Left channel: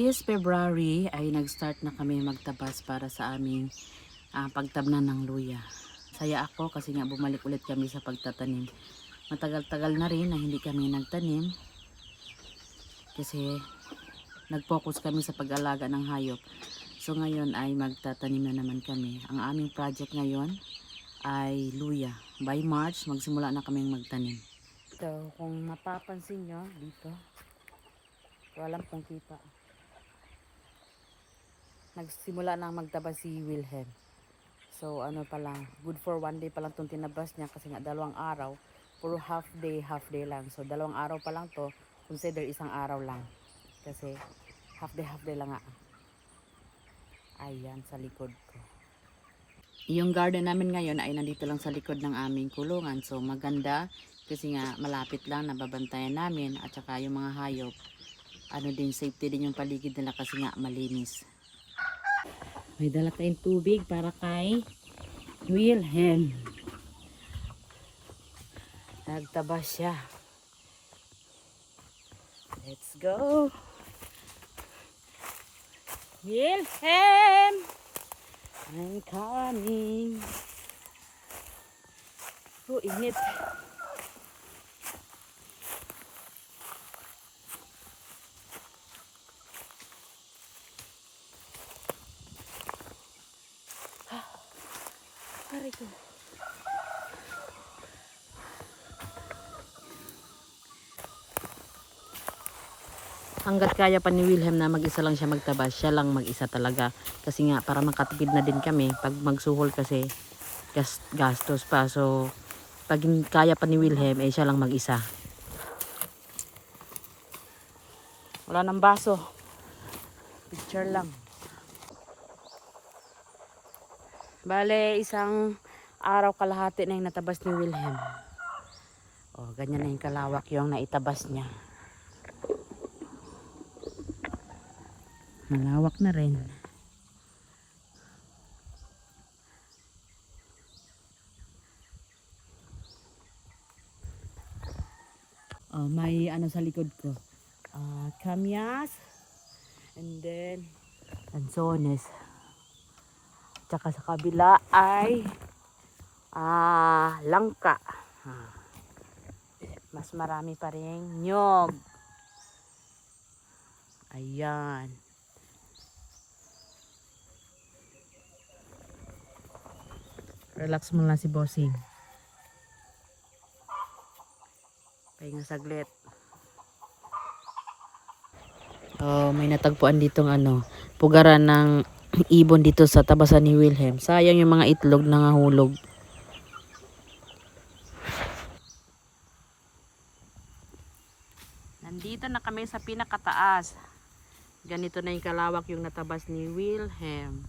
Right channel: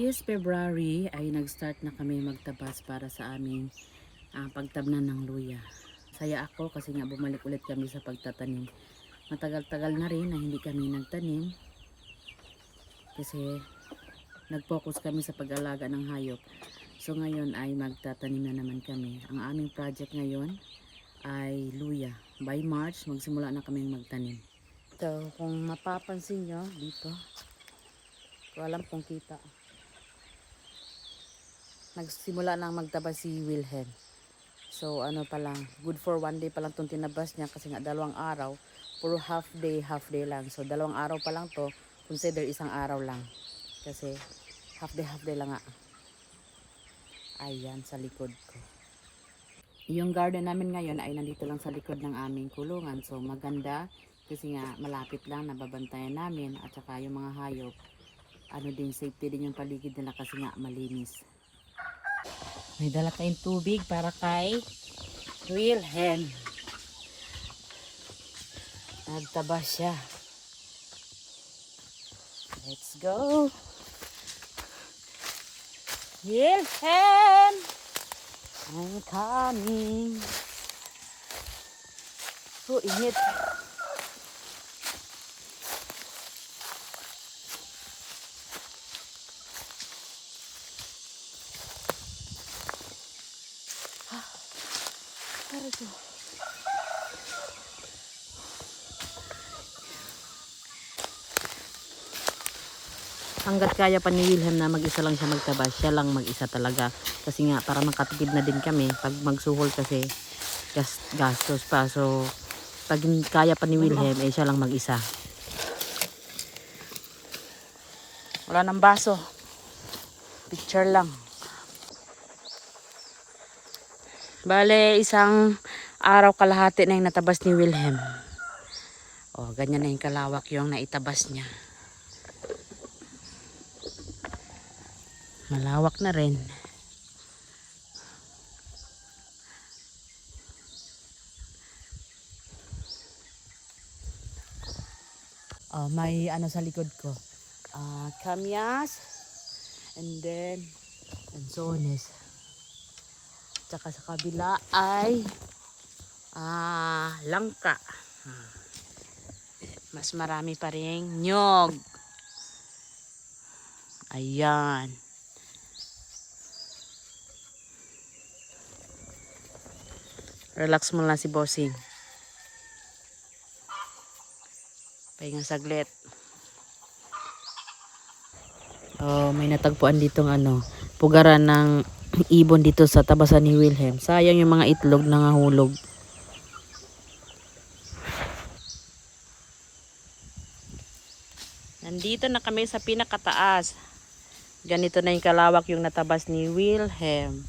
This February ay nag-start na kami magtabas para sa aming pagtabnan ng luya. Saya ako kasi nga bumalik ulit kami sa pagtatanim. Matagal-tagal na rin na hindi kami nagtanim kasi nag-focus kami sa pag-alaga ng hayop. So ngayon ay magtatanim na naman kami. Ang aming project ngayon ay luya. By March magsimula na kaming magtanim. So kung mapapansin nyo dito, ko alam kung kita. Nagsimula nang magtabas si Wilhelm. So ano pa lang, good for 1 day pa lang itong tinabas niya kasi nga 2 araw, puro half day lang. So 2 araw pa lang to, consider 1 araw lang. Kasi half day lang nga. Ayan sa likod ko. Yung garden namin ngayon ay nandito lang sa likod ng aming kulungan. So maganda kasi nga malapit lang, nababantayan namin at saka yung mga hayop. Ano din, safety din yung paligid nila kasi nga malinis. May dala tayong tubig para kay Wilhelm. Nagtabas siya. Let's go. Wilhelm, I'm coming. Oh, init. Aray ko. Hanggat kaya pa ni Wilhelm na mag-isa lang siya magtabas, siya lang mag-isa talaga. Kasi nga para makatipid na din kami. Pag magsuhol kasi gastos pa. So pag kaya pa ni Wilhelm, siya lang mag-isa. Wala nang baso. Picture lang. Bale, 1 araw kalahati na yung natabas ni Wilhelm. O, ganyan na yung kalawak yung naitabas niya. Malawak na rin. Oh, may ano sa likod ko. Kamyas. And then, lansones. Tsaka sa kabila ay langka. Mas marami pa ring nyog. Ayan. Relax mo lang si bossing. Pahinga saglit. Oh, may natagpuan ditong pugaran ng ibon dito sa tabasan ni Wilhelm. Sayang yung mga itlog nangahulog. Nandito na kami sa pinakataas. Ganito na yung kalawak yung natabas ni Wilhelm.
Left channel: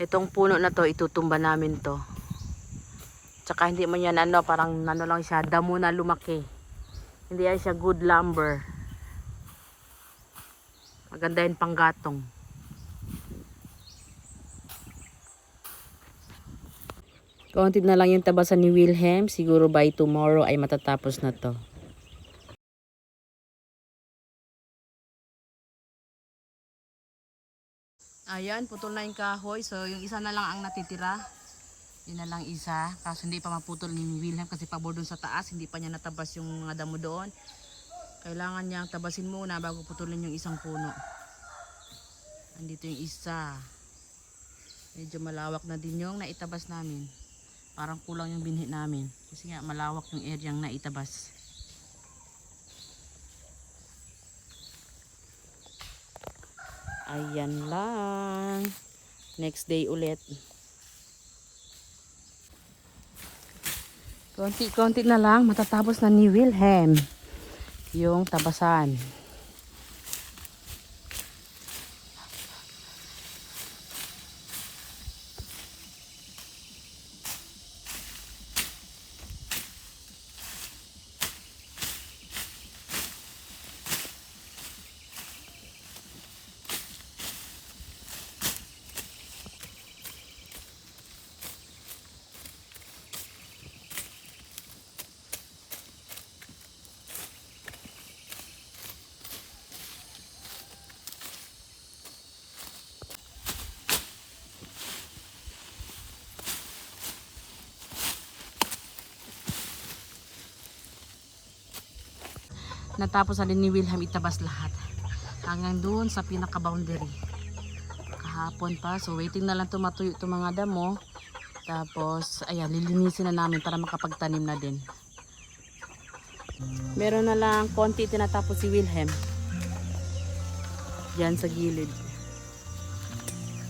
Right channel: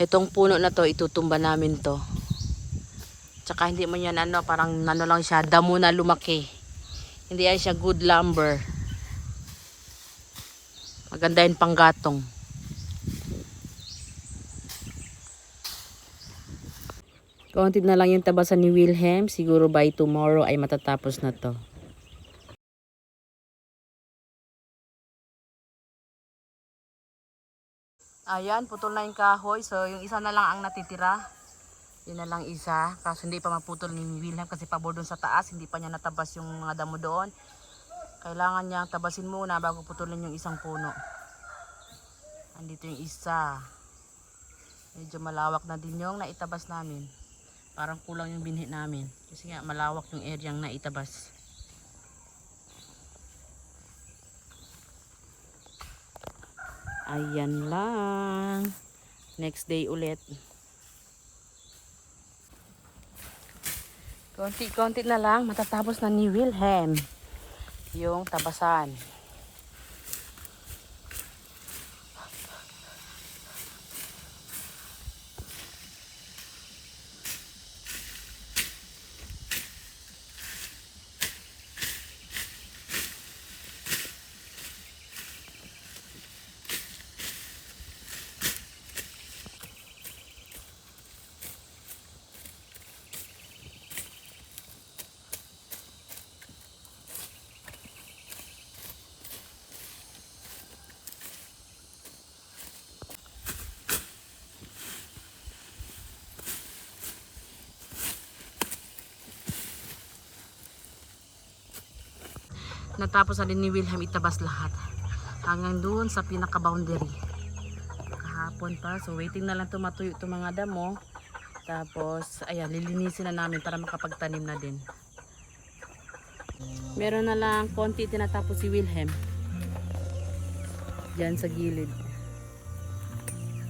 Itong puno na to, itutumba namin to. Tsaka hindi man yan parang lang siya, damo na lumaki. Hindi yan siya good lumber. Maganda yung panggatong. Konti na lang yung tabasan ni Wilhelm. Siguro by tomorrow ay matatapos na to. Ayan, putol na yung kahoy. So, yung isa na lang ang natitira. Yun na lang isa. Kaso hindi pa maputol ni Wilhelm kasi pabor doon sa taas. Hindi pa niya natabas yung mga damo doon. Kailangan niyang tabasin muna bago putulin yung isang puno. Andito yung isa. Medyo malawak na din yung naitabas namin. Parang kulang yung binhi namin. Kasi nga malawak yung area yung naitabas. Ayan lang. Next day ulit. Konti-konti na lang. Matatapos na ni Wilhelm yung tabasan. natapos na din ni Wilhelm itabas lahat. Hanggang doon sa pinaka-boundary. Kahapon pa. So waiting na lang matuyo itong mga damo. Tapos ayan, lilinisin na namin para makapagtanim na din. Meron na lang konti tinatapos si Wilhelm. Diyan sa gilid.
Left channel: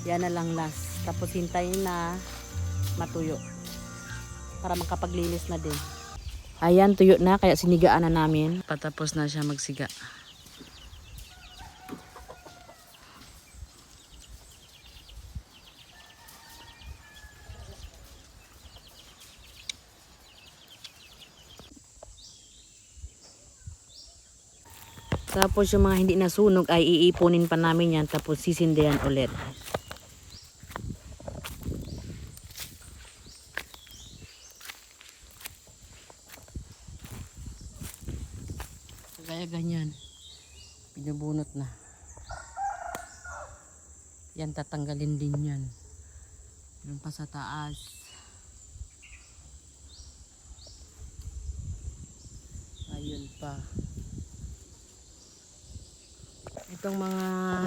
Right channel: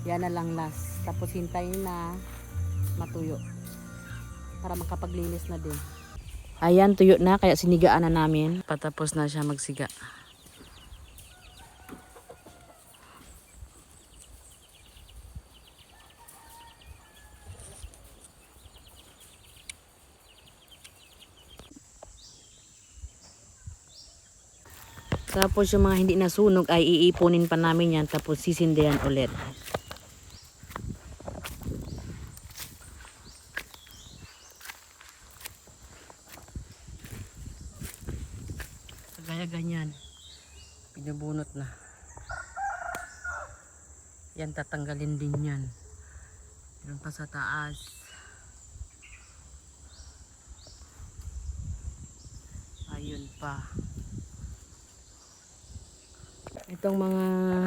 Yan na lang last. Tapos hintayin na matuyo. Para makapaglinis na din. Ayan, tuyo na. Kaya sinigaan na namin. Patapos na siya magsiga. Tapos yung mga hindi nasunog ay iipunin pa namin yan. Tapos sisindihan ulit. Kaya ganyan. Pinubunot na. Yan, tatanggalin din yan. Meron pa sa taas. Ayun pa. Itong mga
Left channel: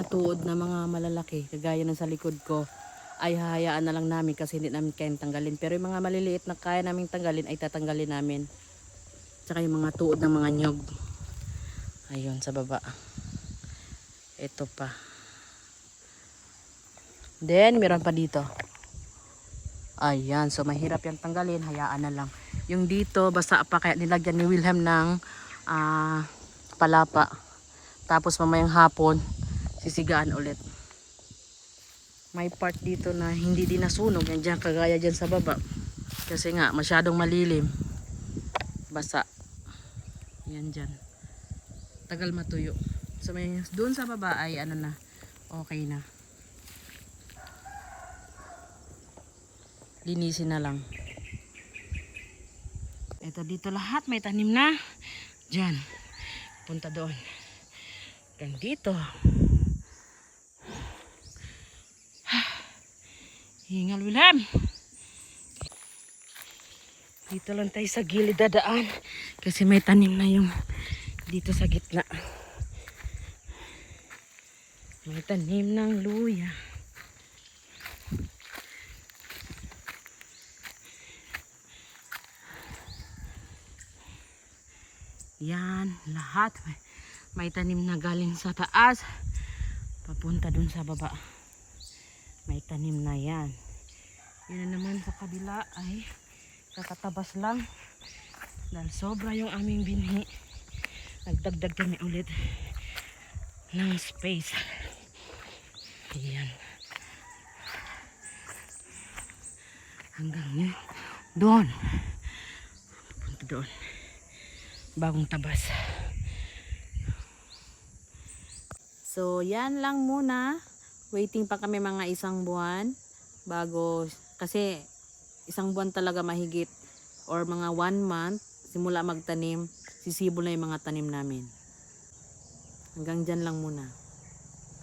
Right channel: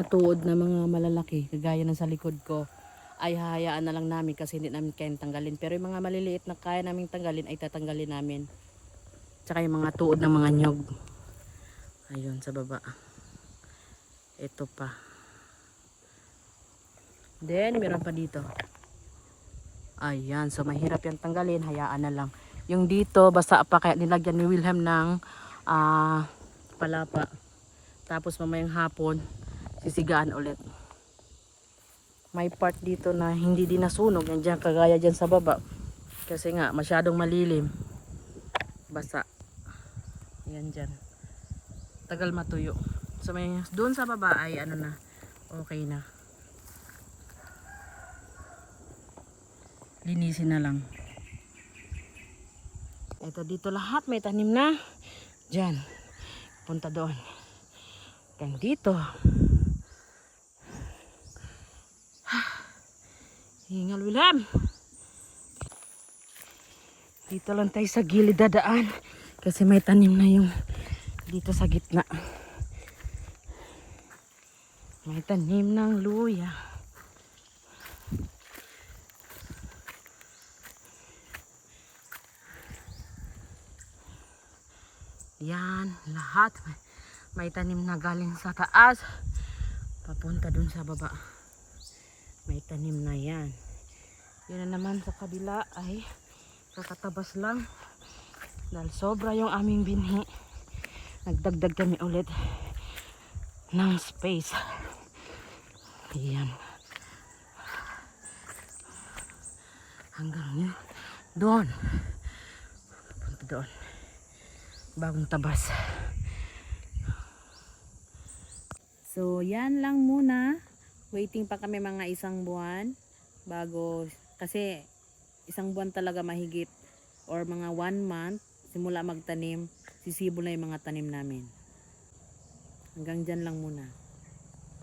tuod na mga malalaki, kagaya ng sa likod ko, ay hahayaan na lang namin kasi hindi namin kayang tanggalin. Pero yung mga maliliit na kaya namin tanggalin ay tatanggalin namin. Tsaka yung mga tuod ng mga nyog. Ayun, sa baba. Ito pa. Then, meron pa dito. Ayan, so mahirap yan tanggalin. Hayaan na lang. Yung dito, basa pa kaya nilagyan ni Wilhelm ng palapa. Tapos mamayang hapon, sisigaan ulit. May part dito na hindi din nasunog. Yan dyan, kagaya dyan sa baba. Kasi nga, masyadong malilim. Basa. Yan dyan. Tagal matuyo. So may doon sa baba ay ano na, okay na. Linisin na lang. Ito dito lahat may tanim na. Diyan. Punta doon. Dan dito. Hingal Wilhelm. Dito lang tayo sa gilid dadaan. Kasi may tanim na yung dito sa gitna. May tanim ng luya. Yan, lahat. May tanim na galing sa taas. Papunta dun sa baba. May tanim na yan. Yan na naman sa kabila ay kakatabas lang. Dahil sobra yung aming binhi. Nagdagdag kami ulit ng space. Ayan. Hanggang yun. Doon. Punta doon. Bagong tabas. So, yan lang muna. Waiting pa kami mga 1 buwan. Bago, kasi 1 buwan talaga mahigit. Or mga 1 month. Simula magtanim. Sisibol na yung mga tanim namin. Hanggang dyan lang muna.